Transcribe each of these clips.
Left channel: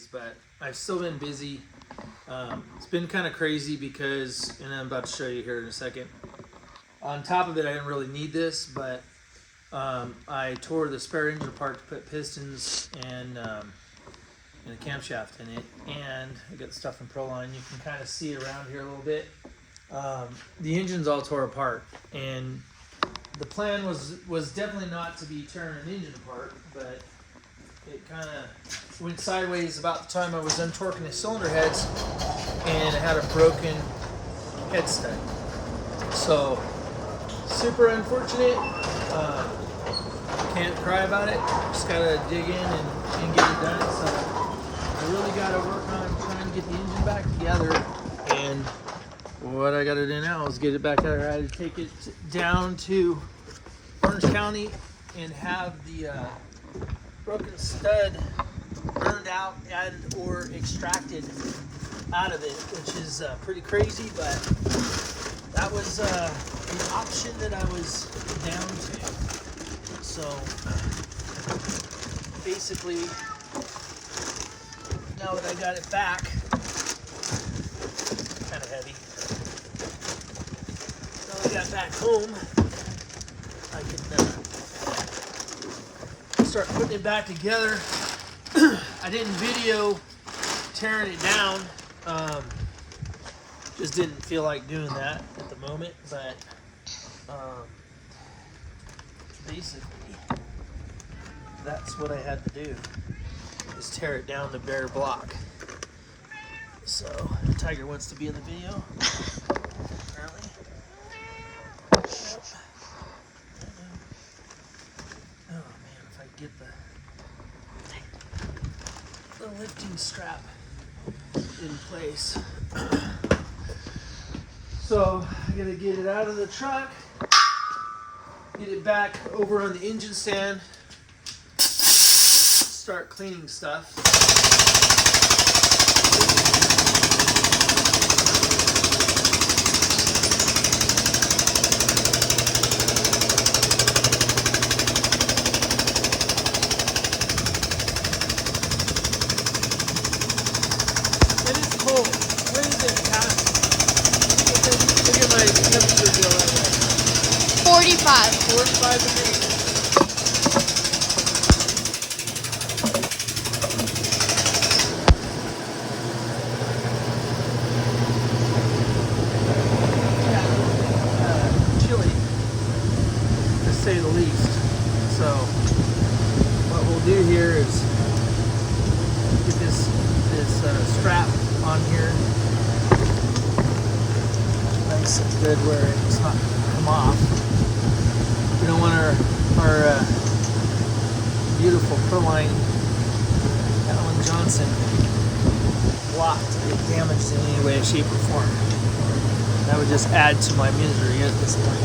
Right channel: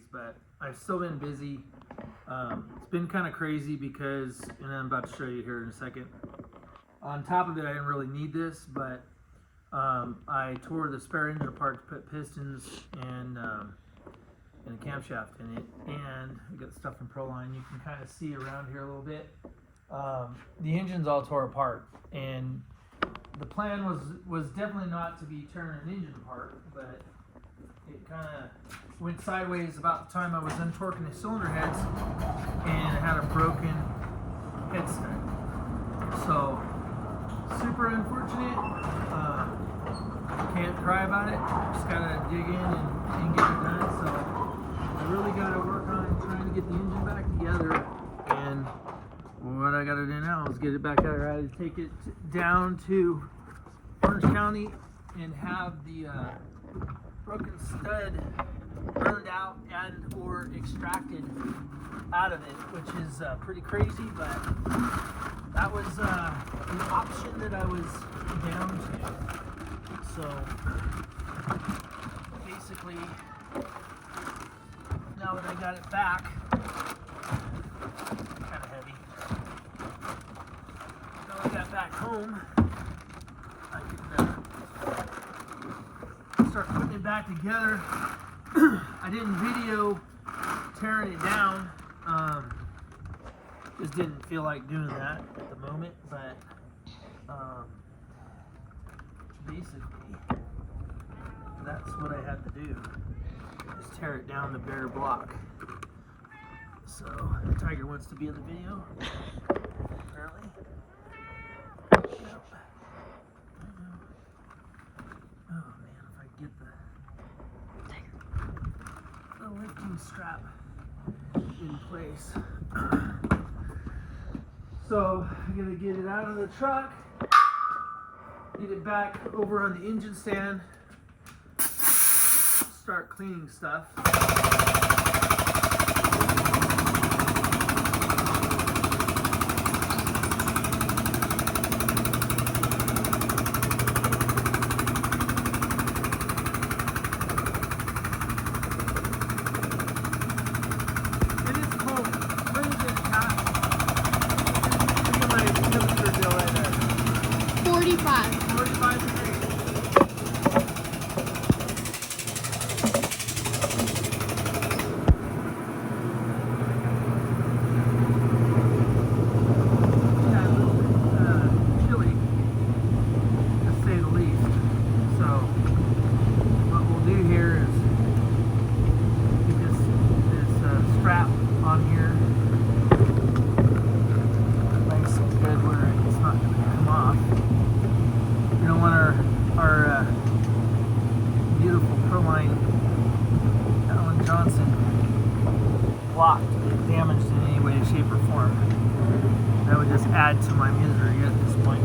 days, but I've still been busy. It's been kind of crazy because, and I'm about to show you here in a second. On top of it, I didn't really need this, but I tore the spare engine apart to put pistons and a camshaft in it, and I got stuff in Proline. You can kind of see around here a little bit. The engine's all tore apart, and the plan was definitely not to be tearing an engine apart, but it kind of went sideways about the time I was untorquing the cylinder heads, and it had a broken head stud. So super unfortunate. Can't cry about it. Just gotta dig in and get it done. So I really gotta work on trying to get the engine back together. And what I gotta do now is get it back there. I had to take it down to Orange County and have the broken stud burned out and or extracted out of it, which is pretty crazy, but that was the option that I was down to. So basically, now that I got it back, kind of heavy. Now I got back home, I can start putting it back together. I didn't video tearing it down. Just didn't feel like doing that at the moment, but basically that's what I had to do, is tear it down to bare block. So Tiger wants to be in the video. Apparently. Yep. Oh man, if I get the lifting strap in place. So I'm gonna get it out of the truck, get it back over on the engine stand, start cleaning stuff. And it's cold. What is it, Pat? Look at my temperature bill right now. 45. 45 degrees. Chilly, to say the least. So what we'll do here is get this strap on here nice and good where it's not come off. We don't want our beautiful Proline Alan Johnson block to get damaged in any way, shape, or form. That would just add to my misery at this point.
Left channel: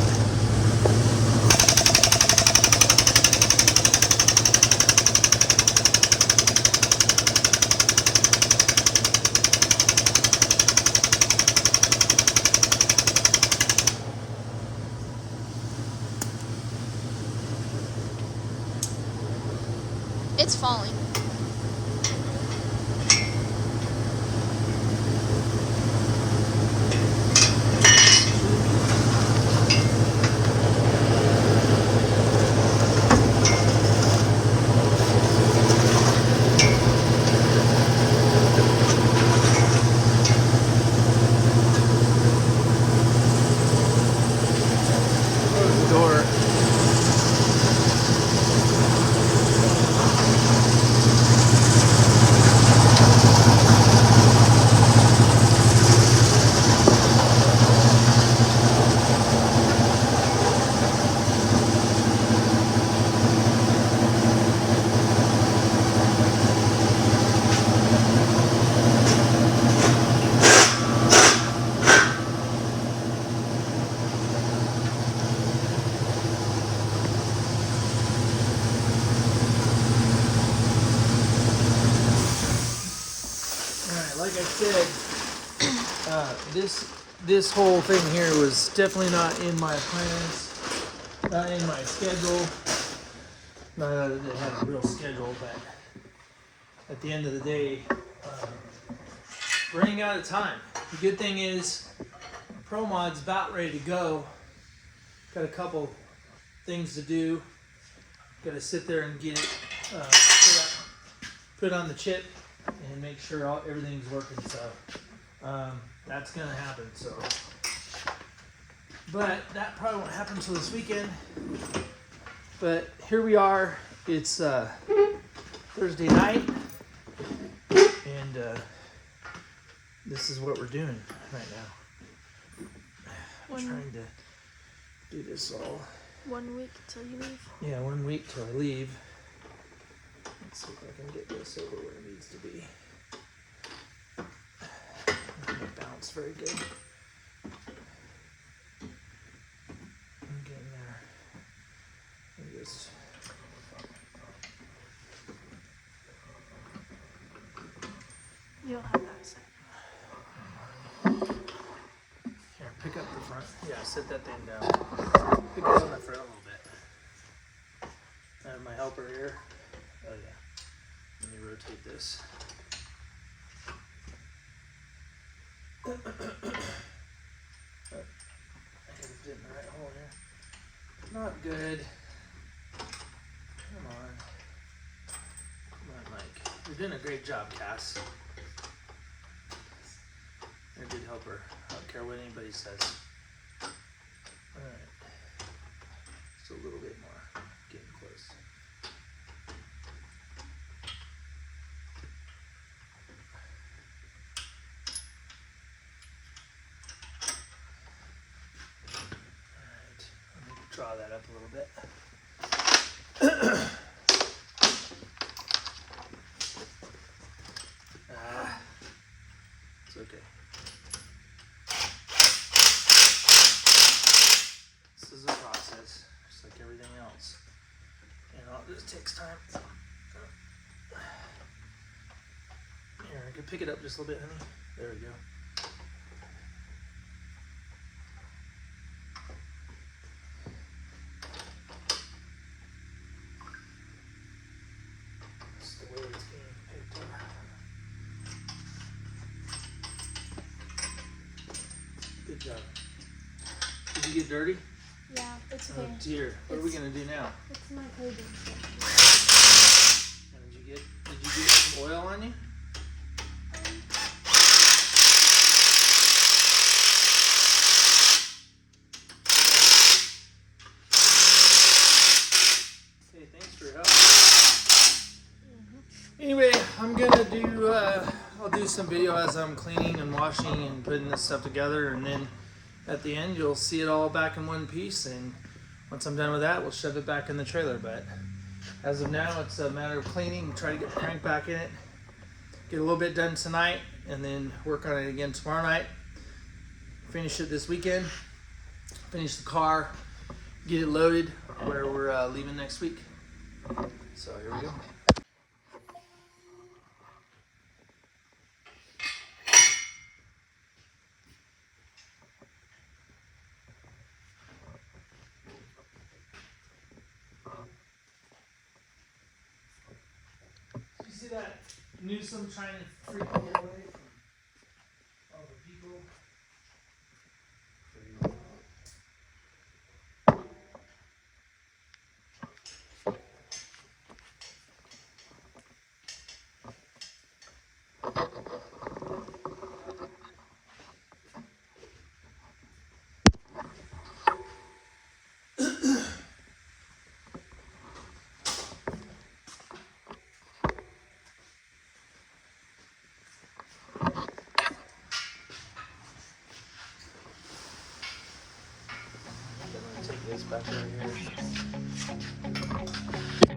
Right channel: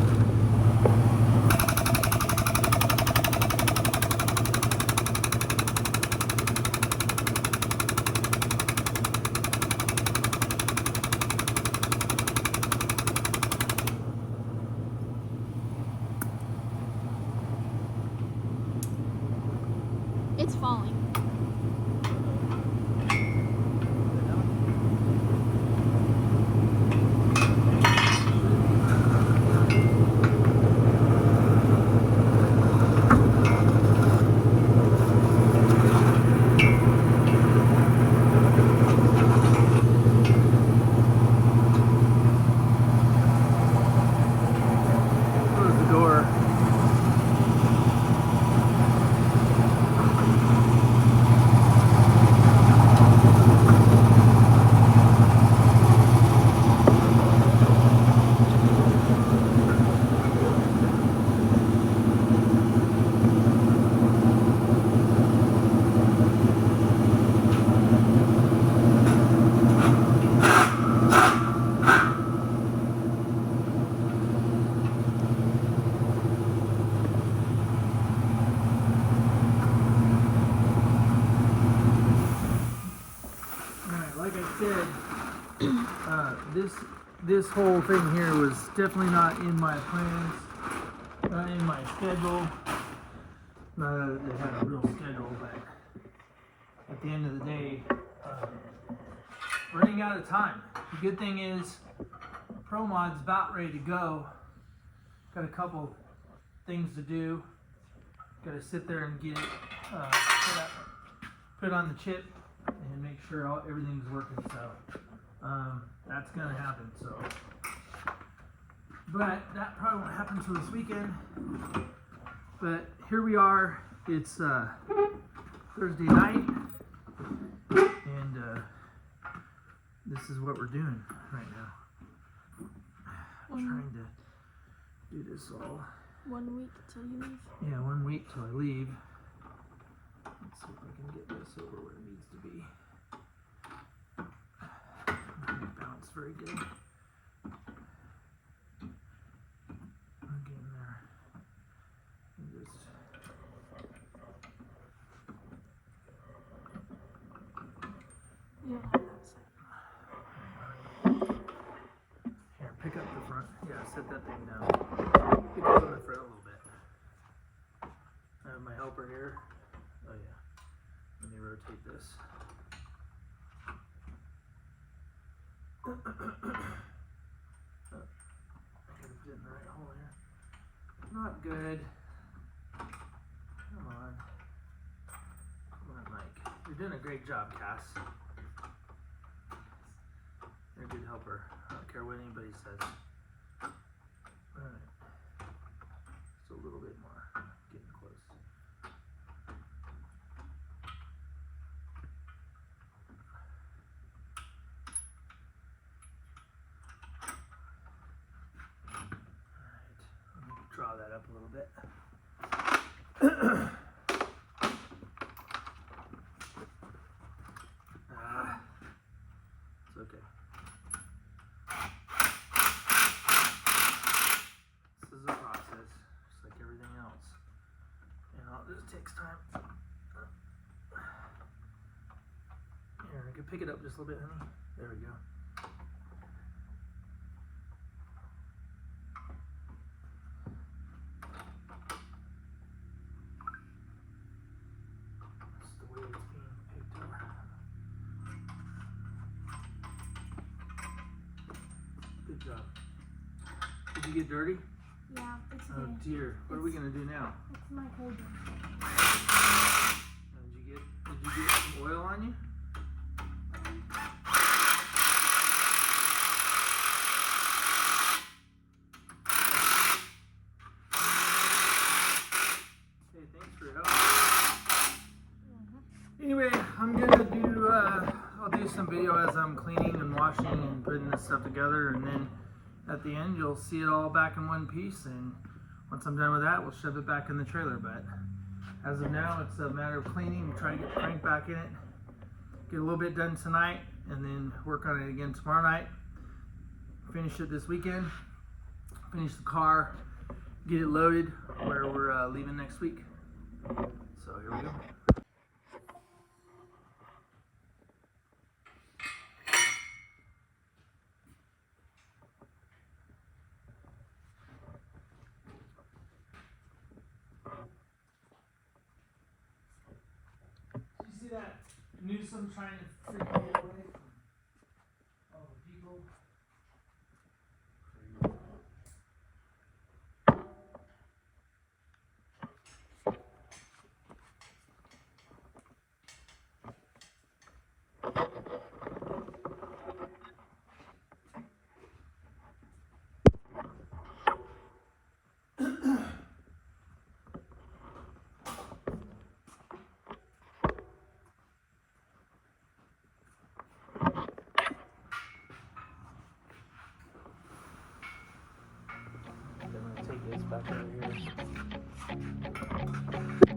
It's falling. Close the door. Like I said, this whole thing here was definitely not in my plans, not in my schedule. Not that it had a real schedule, but at the end of the day, running out of time. The good thing is Pro Mod's about ready to go. Got a couple things to do. Got to sit there and get it put on the chip and make sure everything's working. So that's gonna happen. So, but that probably won't happen until this weekend. But here we are. It's Thursday night, and this is what we're doing right now. I'm trying to do this all. 1 week till you leave. Yeah, 1 week till I leave. Let's see if I can get this over where it needs to be. Not gonna bounce very good. I'm getting there. And just You'll have that set. here, pick up the front. Yeah, sit that thing down. Pick up on the front a little bit. I have my helper here. Oh yeah. Let me rotate this. I gotta fit in the right hole here. Not good. Come on. Come on, Mike. You're doing a great job, Cass. You're a good helper. I don't care what anybody says. Alright. Just a little bit more. Getting close. Alright. I'm going to draw that up a little bit. It's okay. This is a process, just like everything else. And all this takes time. Here, I can pick it up just a little bit, honey. There we go. That's the way it's being picked up. Good job. Did you get dirty? Yeah, it's okay. Oh dear. What are we gonna do now? It's my holding. Did you get some oil on you? Hey, thanks for your help. Anyway, I'm gonna do I'll do some video as I'm cleaning and washing and putting this stuff together, and then at the end you'll see it all back in one piece, and once I'm done with that we'll shove it back in the trailer. But as of now it's a matter of cleaning, try to get the crank back in it, get a little bit done tonight, and then work on it again tomorrow night, finish it this weekend, finish the car, get it loaded where we're leaving next week. So here we go. See that Newsom trying to freaking get away from all the people? Crazy. Take this back over here.